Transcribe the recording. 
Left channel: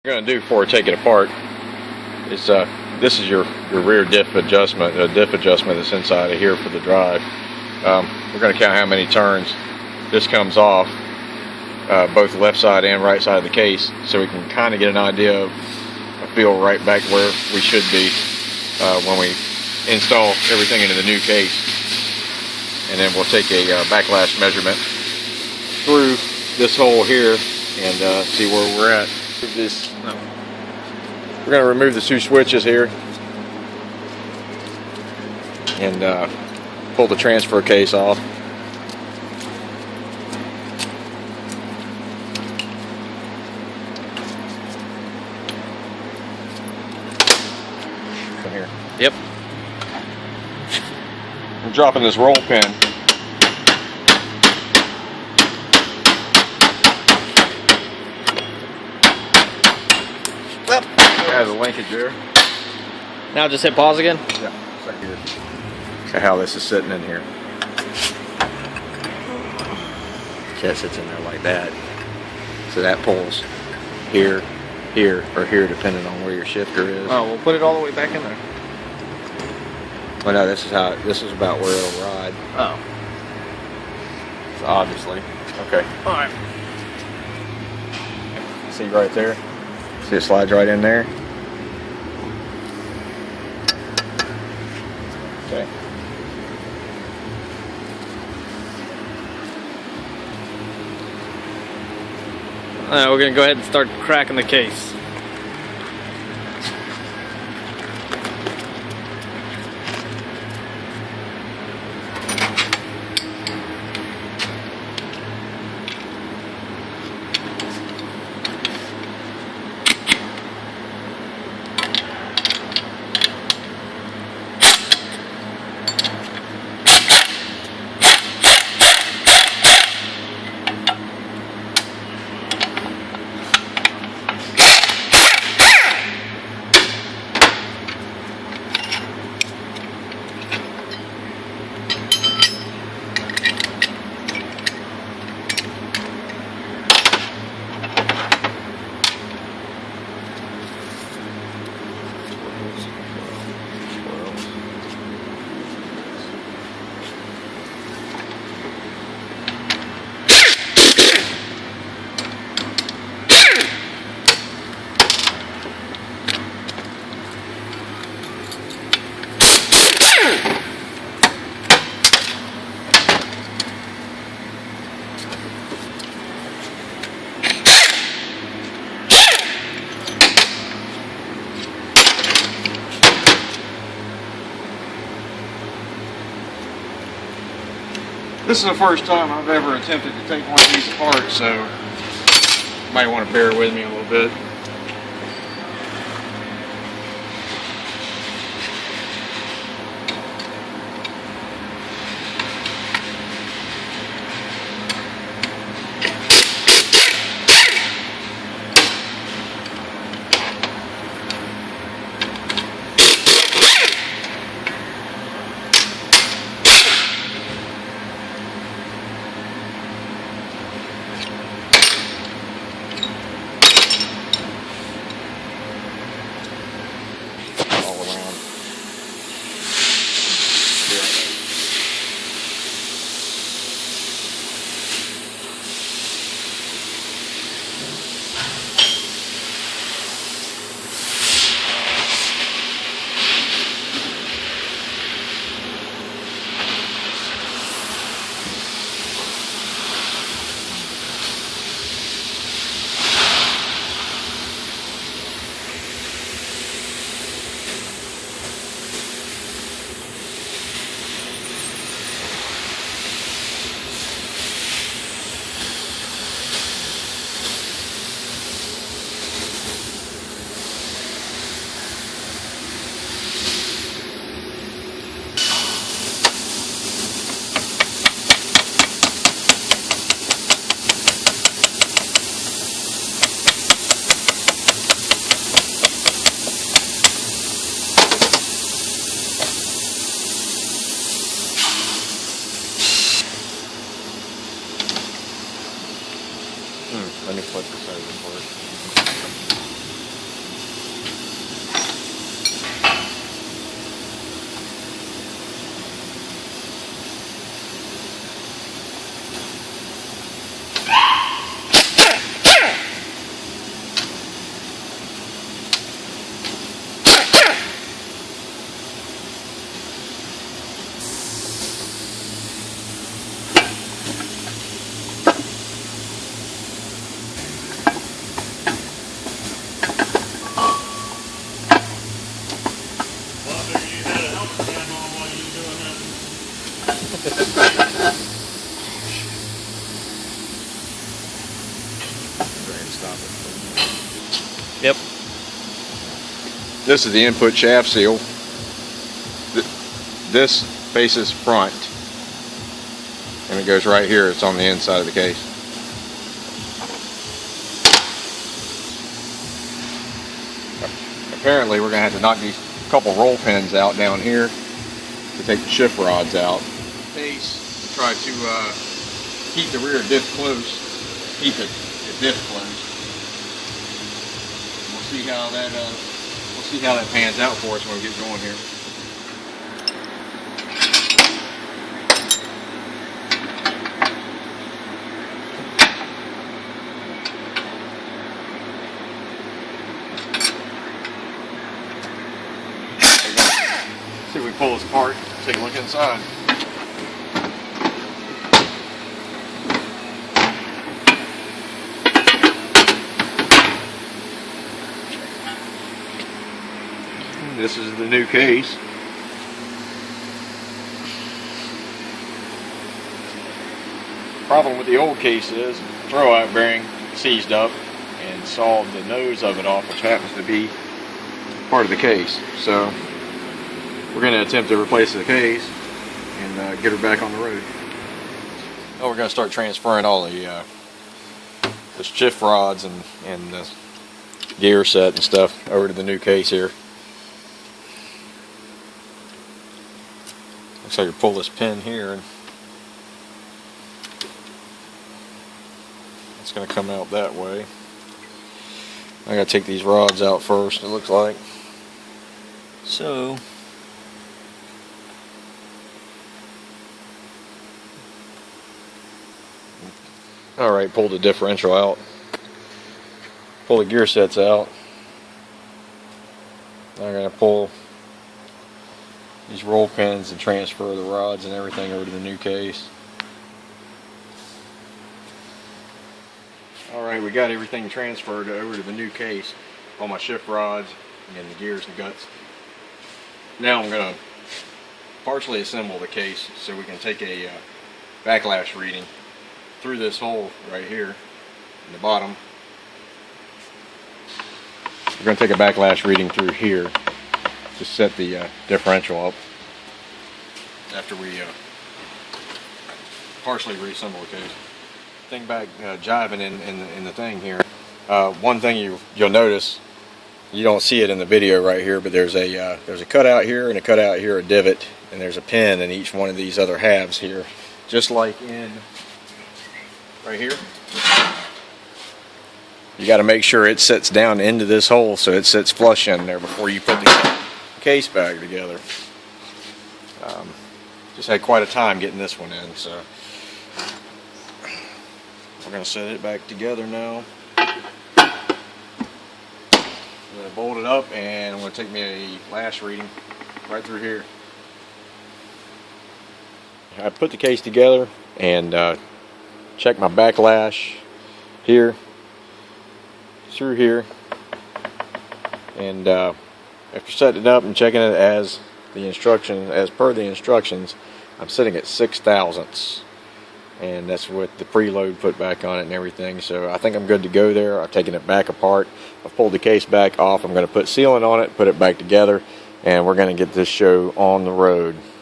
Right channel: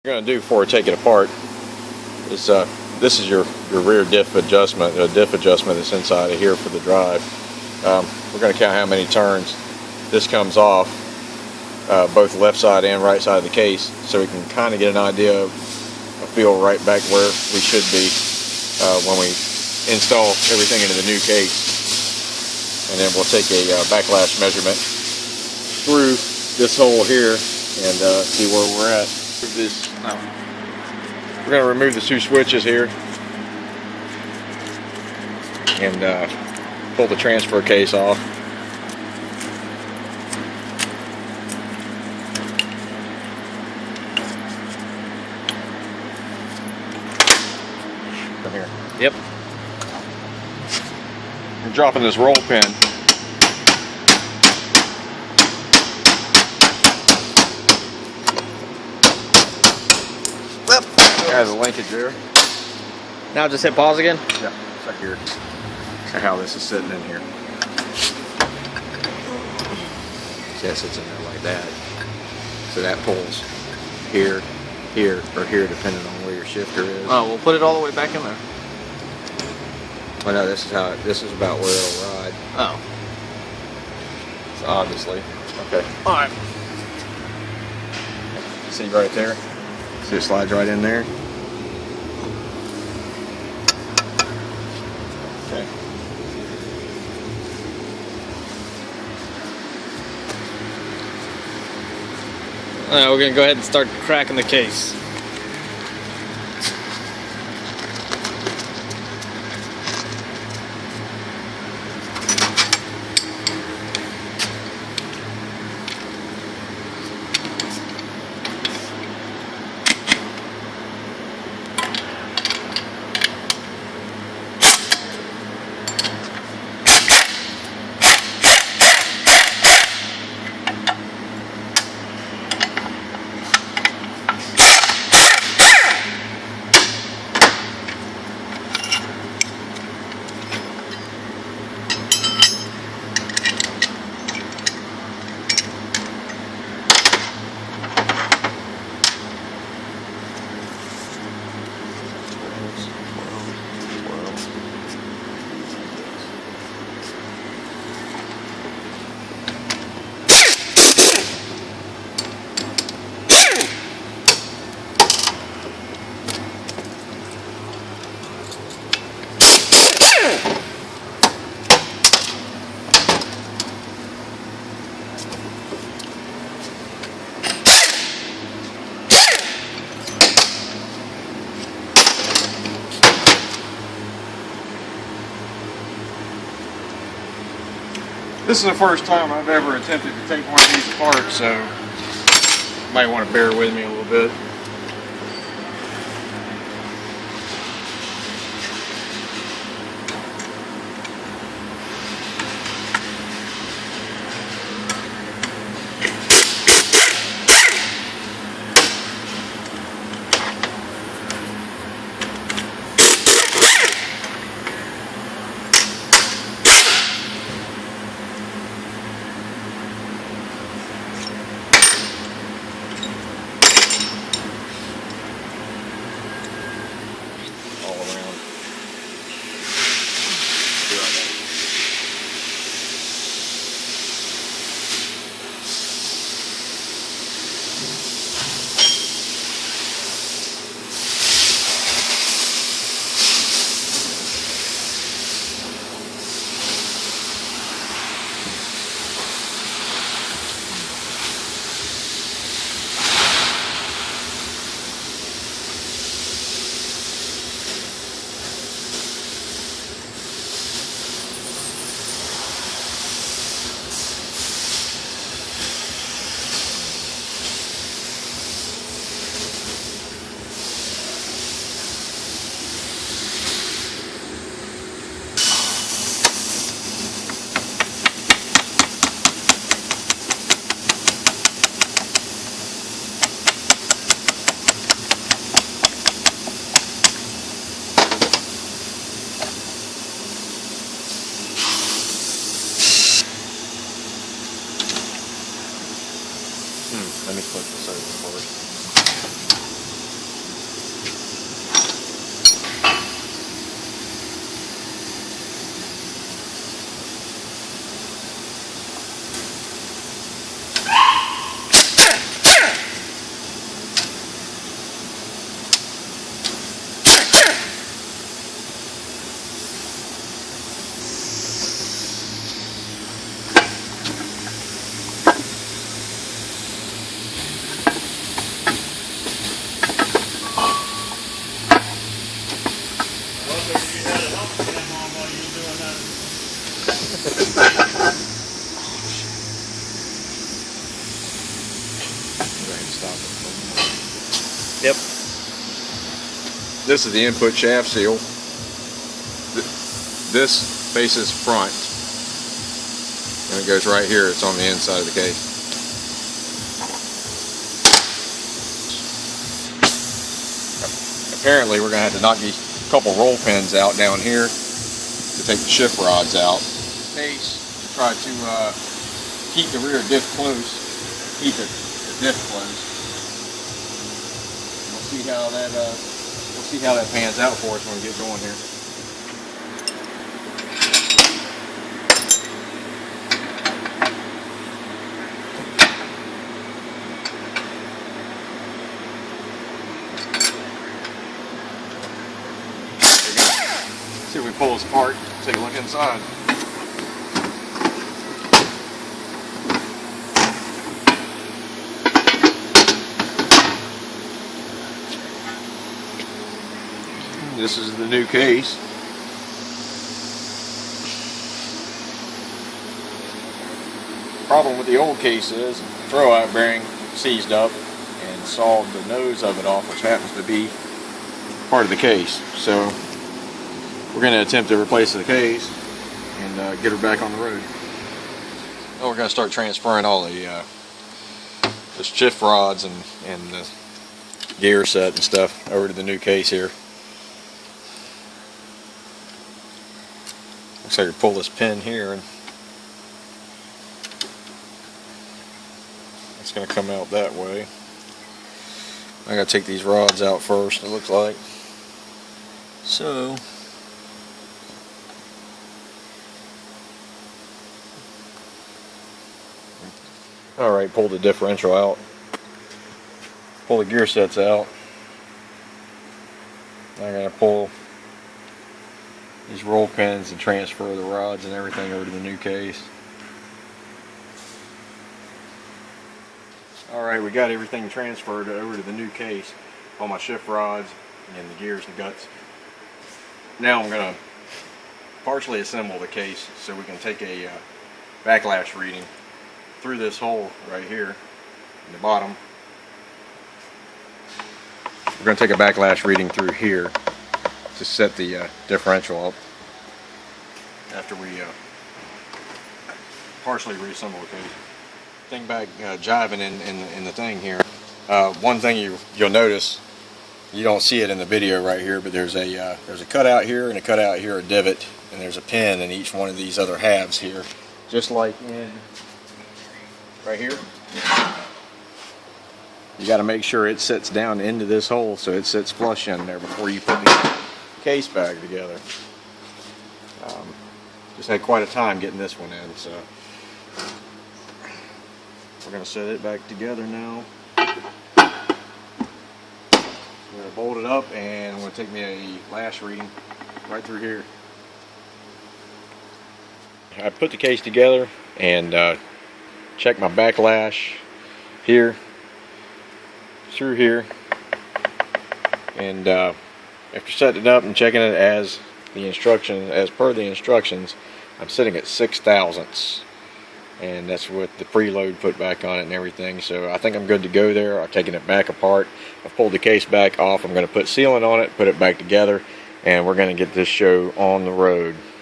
What you're going to do before we take it apart is this is your rear diff adjustment, that's inside of here for the drive. We're going to count how many turns this comes off, both left side and right side of the case, so we can kind of get an idea of a feel right back where we should be when we install everything into the new case. And then we'll take a backlash measurement through this hole here and see where we're at. We're going to remove the two switches here and pull the transfer case off. Come here. Yep. I'm dropping this roll pin. Has a linkage there. Now just hit pause again? Yeah, right here. See how this is sitting in here. See, that sits in there like that. So that pulls here, here, or here, depending on where your shifter is. Oh, we'll put it all the way back in there. Well, no, this is about where it'll ride. Oh. So obviously. Okay. Alright. See right there? See it slides right in there? Okay. Alright, we're going to go ahead and start cracking the case. This is the first time I've ever attempted to take one of these apart, so you might want to bear with me a little bit. Let me flip this over for it. Yep. This is the input shaft seal. This faces front, and it goes right here. It's on the inside of the case. Apparently, we're going to have to knock these couple roll pins out down here to take the shift rods out. Case to try to keep the rear diff close, keep the diff close. We'll see how that pans out for us when we get going here. See if we pull this apart, take a look inside. This is the new case. Problem with the old case is the throwout bearing seized up and sawed the nose of it off, which happens to be part of the case. So we're going to attempt to replace the case and get her back on the road. Now we're going to start transferring all the shift rods and the gear set and stuff over to the new case here. Looks like you pull this pin here and it's going to come out that way. I got to take these rods out first, it looks like. So alright, pull the differential out. Pull the gear sets out. Now I'm going to pull these roll pins and transfer the rods and everything over to the new case. Alright, we got everything transferred over to the new case. All my shift rods and the gears and guts. Now I'm going to partially assemble the case so we can take a backlash reading through this hole right here in the bottom. We're going to take a backlash reading through here to set the differential up after we partially reassemble the case. Thing back jiving in the thing here. One thing you'll notice, you don't see it in the video right here, but there's a cutout here and a cutout here, a divot, and there's a pin in each one of these other halves here, just like in right here. You got to make sure it sits down into this hole so it sits flush in there before you put the case back together. Just had quite a time getting this one in, so we're going to set it back together now. I'm going to bolt it up and I'm going to take me a lash reading right through here. I put the case together and check my backlash here, through here, and after setting it up and checking it as per the instructions, I'm sitting at 6 thousandths, and that's with the preload put back on it and everything. So I think I'm good to go there. I've taken it back apart. I've pulled the case back off. I'm going to put sealant on it, put it back together, and we're going to get this show on the road.